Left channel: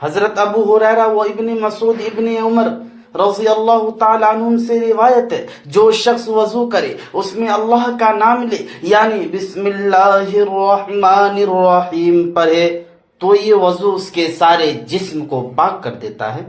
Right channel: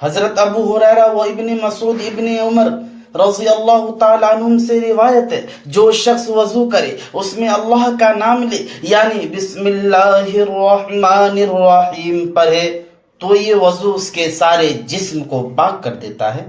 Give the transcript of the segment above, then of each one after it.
حضرت ابو ہریرہ و ابن مسعود ابن عمر رضی اللہ تعالیٰ عنہ سے روایت ہے، جو شخص وضو کرے اس میں اللہ کا نام لے، یعنی بسم اللہ الرحمن الرحیم پڑھے، تو یہ وضو اس کے سارے جسم کو پاک کر دیتا ہے۔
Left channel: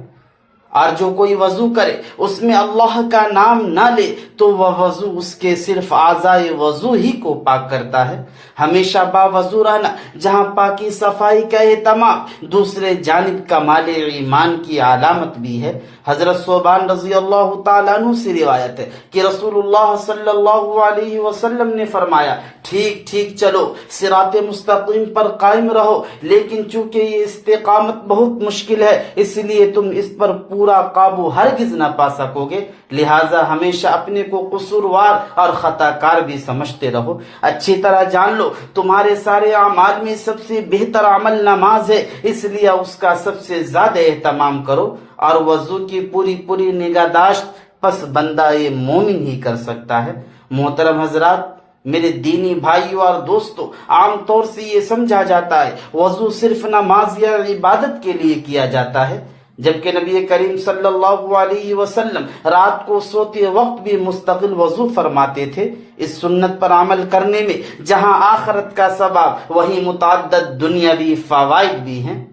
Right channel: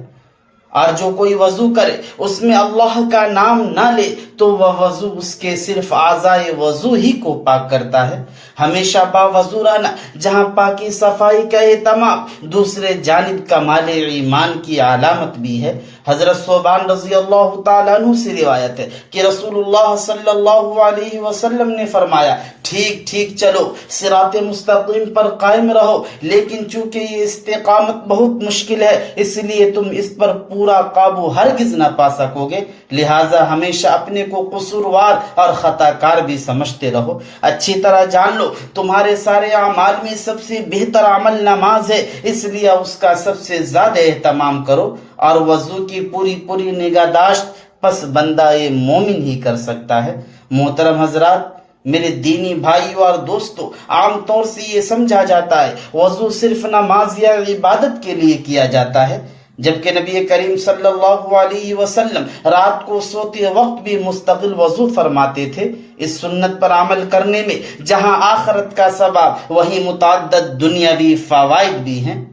اور جو کوئی وضو کرے اس میں اللہ کا نام نہ لے تو وہ وضو اس کے صرف اعضائے وضو ہی کو پاک کرتا ہے۔ ہمیشہ باوضو رہنا جہاں پاکی صفائی کا اہتمام دوسرے جانب کمال ایمان کی علامت بھی ہے۔ حضرت ثوبان رضی اللہ تعالیٰ عنہ سے روایت ہے کہ رسول اللہ صلی اللہ علیہ وسلم نے فرمایا، ٹھیک ٹھیک چلو، صراط مستقیم پر قائم رہو، لیکن چونکہ یہ استقامت بہت مشکل ہے اس لیے تم اس پر پورا قابو ہرگز نہ پا سکو گے، لہٰذا ہمیشہ اپنے کو قصوروار اور خطا کار بھی سمجھتے رہو۔ اچھی طرح جان لو تمہارے سارے اعمال میں سب سے بہتر عمل نماز ہے، اس لیے اس کا سب سے زیادہ اہتمام کرو، اور وضو کی پوری نگہداشت پس بندہ مومن ہی کر سکتا ہے۔ محترم حضرات، میرے دینی بھائیوں اور دوستوں، عام طور سے یہ سمجھا جاتا ہے وضو صرف نماز یا عبادت کے لیے کیا جاتا ہے، جبکہ نبی کریم صلی اللہ علیہ وسلم رات کو سوتے وقت بھی مستقل وضو فرماتے تھے۔ اس سنت پر عمل کرنے میں جہاں آخرت کا ثواب وہیں متعدد دنیاوی فوائد بھی ہیں۔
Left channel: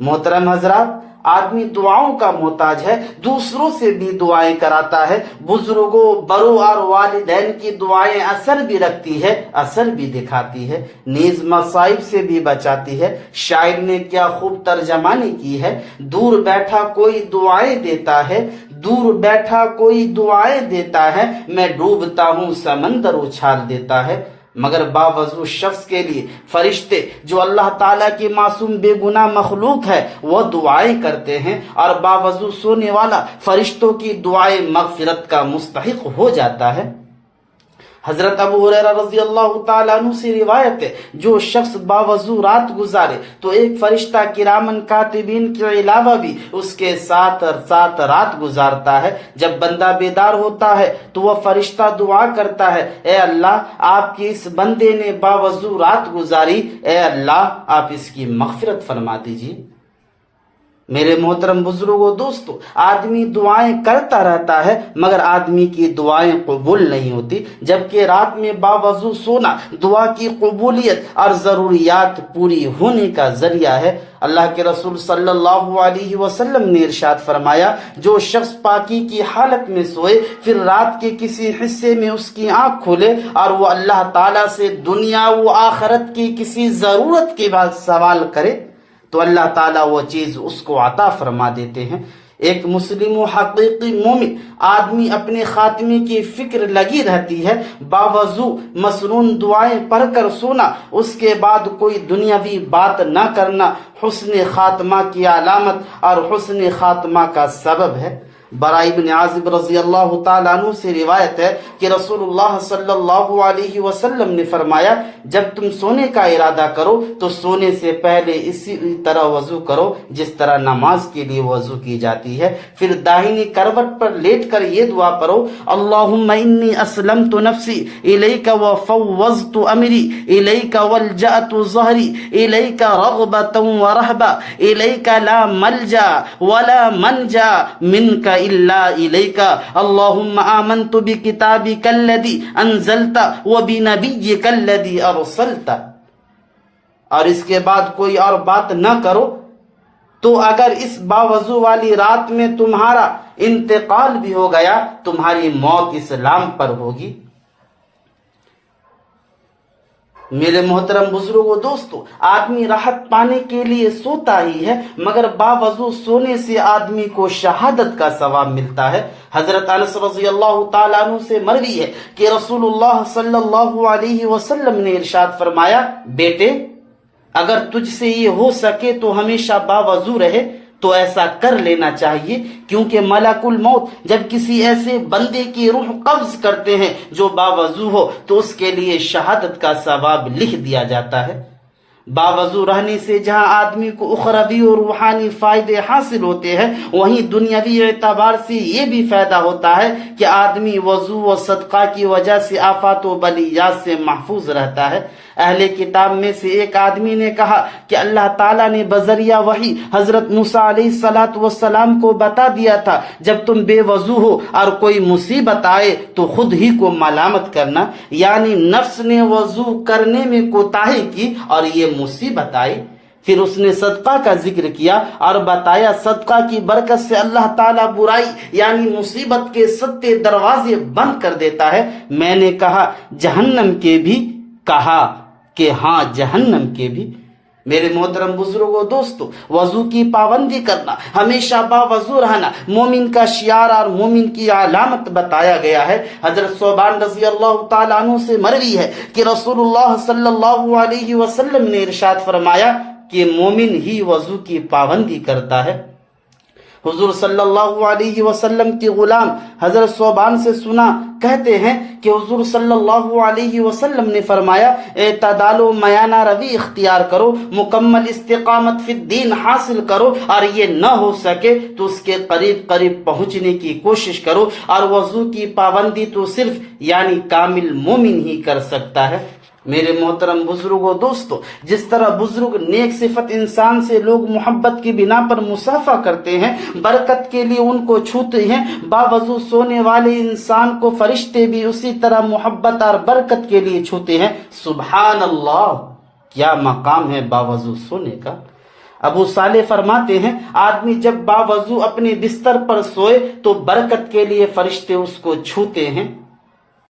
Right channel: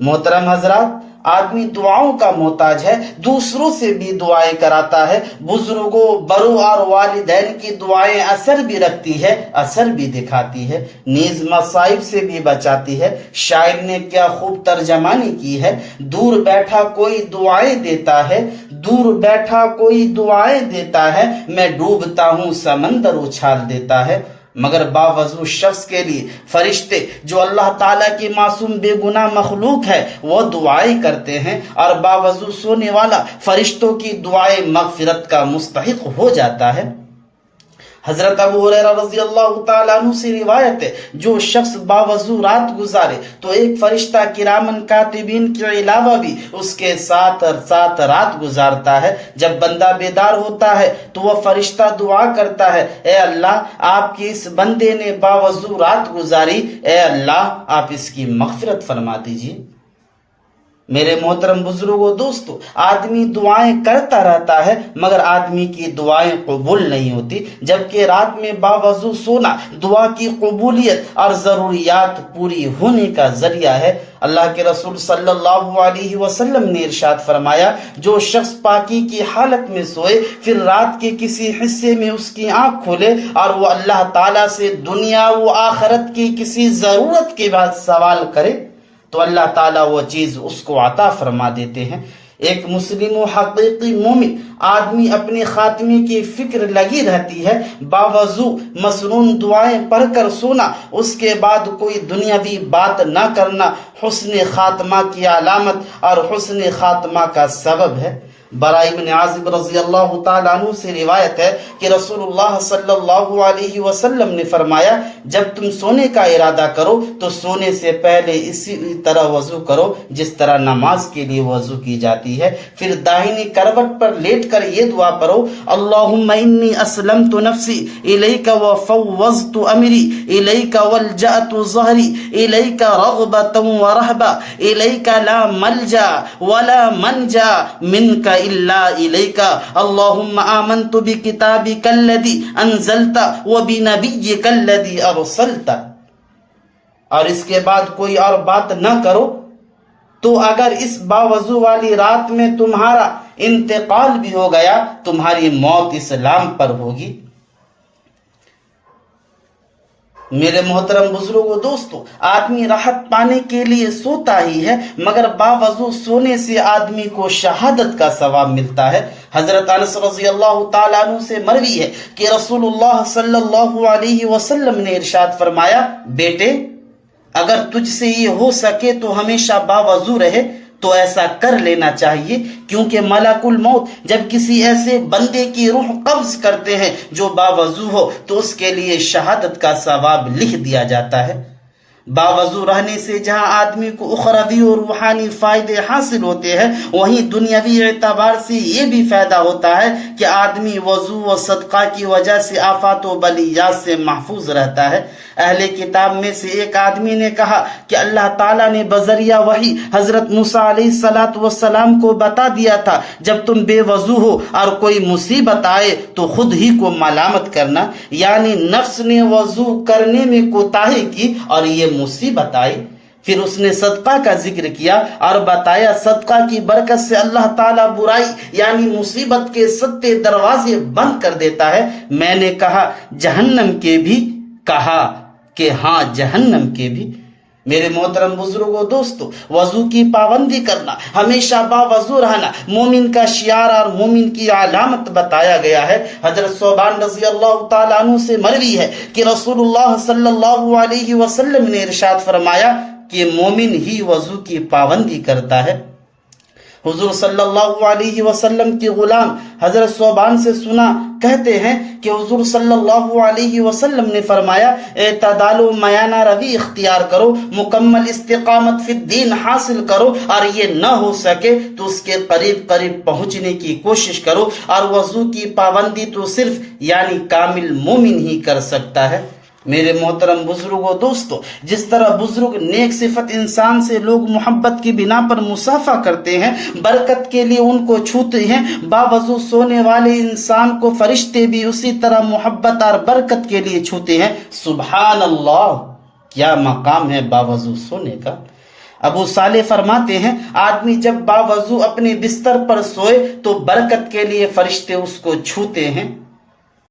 محترم حضرات، آدمی دعاؤں کا محتاج ہے، دوسروں سے بھی دعائیں کراتا ہے، بزرگوں، بڑوں اور والدین کی دعائیں اثر بھی رکھتی ہے، اثر بھی دکھاتی ہے، نیز مصائب سے بھی بچاتی ہے۔ شاعر نے کیا خوب ترجمانی کی ہے، دور بیٹھا کوئی دعائیں دیتا ہے، دور بیٹھا کوئی دعائیں دیتا ہے، میں ڈوبتا ہوں سمندر اچھال دیتا ہے۔ مگر باوضو شخص کے لیے فرشتے جو اللہ تعالیٰ کی معصوم بے گناہ مخلوق ہے وہ دعائیں کرتے ہیں، اور باوضو سونے والا فرشتوں کی دعائیں مغفرت کا مستحق ہو جاتا ہے۔ حضرت ابو ہریرہ رضی اللہ تعالیٰ عنہ سے روایت ہے، جو شخص باوضو رات گزارے تو ایک فرشتہ کرامن کاتبین کے علاوہ بھی اس کے ساتھ رات گزارتا ہے۔ جب بندہ بیدار ہوتا ہے تو وہ فرشتہ دعا کرتا ہے، اے اللہ، آپ کی اس بندے نے باوضو رات گزاری، اے اللہ آپ اس کی مغفرت فرما دیجیے۔ میرے محترم بزرگوں، دوستو، آدمی دعائیں کرتا رہتا ہے مگر آدمی کی دعائیں قبول نہیں ہوتی، جبکہ رات میں باوضو سونا دعا کی قبولیت اور ضروریات پوری ہونے کا ذریعہ ہے۔ اللہ کے رسول صلی اللہ علیہ وسلم نے ارشاد فرمایا، جو شخص پاکی کی حالت میں سوئے پھر رات کے کسی حصے میں اس کی آنکھ کھلے اور وہ اللہ تعالیٰ سے دنیا و آخرت کی کسی ضرورت کے بعد سوال کرے تو اللہ تعالیٰ وہ چیز اس کو عطا فرما دیتے ہیں۔ ایک مسلم و حقیقی مومن آدمی اپنے خاتمے کی فکر لگی رہتی ہے، باوضو مسنون دعائیں پڑھ کر سونا، اس کے بعد کوئی دنیاوی بات نہ کرنا حسن خاتمہ کی علامت اور حسن خاتمہ کا سبب ہے۔ براء بن عازب رضی اللہ تعالیٰ عنہ سے روایت ہے کہ رسول اللہ صلی اللہ علیہ وسلم نے فرمایا، جب تم سونے کا ارادہ کرو تو سونے سے پہلے اسی طرح وضو کرو جس طرح نماز کے لیے وضو کی جاتی ہے، پھر داہنی کروٹ پر لیٹ کر یہ دعا پڑھو، اللہم انی اسلمت نفسی الیک وفوضت امری الیک والجأت ظہری الیک رغبتا ورہبا الیک لا ملجا ولا منجا منک الا الیک اللہم آمنت بکتابک الذی انزلت وبنبیک الذی ارسلت۔ اور اس کے بعد کوئی اور بات نہ کرو، تو اگر اس باوضو والی رات میں تمہارا انتقال بھی ہو گیا تمہاری موت اسلام پر ہوگی۔ میرے محترم بزرگوں، دوستو، آدمی راحت پانے کے لیے سوتا ہی ہے مگر باوضو سونے سے آدمی کو شہادت کا ثواب ملتا ہے۔ حضرت انس رضی اللہ تعالیٰ عنہ سے مروی ہے کہ رسول اللہ صلی اللہ علیہ وسلم نے ارشاد فرمایا، بیٹے اگر تجھ سے یہ ہو سکے تو ہمیشہ باوضو رہے تو ایسا کر لینا چاہیے، کیونکہ ملک الموت جب کسی ایسے بندے کی روح قبض کرتے ہیں جو باوضو ہو تو اس کے لیے شہادت کا ثواب لکھ دیا جاتا ہے۔ باوضو رہنے سے جہاں آدمی کو اخروی اور روحانی فائدے حاصل ہوتے ہیں وہیں دنیاوی اعتبار سے یہ بھی فائدہ ہوتا ہے کہ آدمی وضو و صدقہ کی وجہ سے آفات و بلیات سے محفوظ رہتا ہے۔ اہل کتاب میں سے ایک آدمی نے کہا کہ اللہ تعالیٰ نے بذریعہ وحی حضرت موسیٰ علیہ السلام کو بتا دیا تھا جب تم بے وضو ہو اور کوئی مصیبت آئے تو خود ہی کو ملامت کرنا، یعنی نفس نے وضو کرنے میں کوتاہی کی اور یہ مصیبت آئی۔ پھر اس نے صدقہ کا ذکر کیا اور بتایا صدقہ کی برکت سے اللہ تعالیٰ برائی یعنی مصیبت کے 7 دروازے بند کر دیتا ہے۔ میں نے کہا جہنم کے بھی؟ کہا کہ ہاں جہنم کے بھی۔ میرے محترم بزرگوں دوستو، وضو کی پابندی کرنا، ہمیشہ باوضو رہنا مومن کا شعار اور مومن کی علامت بتایا گیا ہے۔ حضرت ثوبان رضی اللہ تعالیٰ عنہ سے مروی ہے کہ رسول اللہ صلی اللہ علیہ وسلم نے ارشاد فرمایا کہ مومن ہی وضو کی پابندی کرتا ہے۔ حضور صلی اللہ علیہ وسلم کے غلام حضرت ثوبان سے سنا کہتے ہیں کہ حضور صلی اللہ علیہ وسلم نے فرمایا اعتدال و میانہ روی اختیار کرو، مکمل استقامت فی الدین حاصل کرو، اور یہ نہ ہو سکے تو اس کے قریب قریب پہنچنے کی کوشش کرو، اور وضو کی پابندی تو صرف یعنی کامل مومن ہی کر سکتا ہے۔ میرے محترم بزرگوں دوستو، جس طرح بزرگ نیک صفت انسان سے لوگ محبت کی بنا پر مصافحہ کرتے ہیں، برکت کے لیے ان کو چھوتے ہیں، باوضو سونے والے انسان کو فرشتے بھی اسی طرح محبت اور برکت کے لیے چھوتے ہیں۔ سبحان اللہ، کیا مقام ہے باوضو سونے کا۔ ابو صالح فرماتے ہیں آدمی جب باوضو اپنے بستر پر سوئے تو برکت کے لیے فرشتے اس کو چھوتے ہیں۔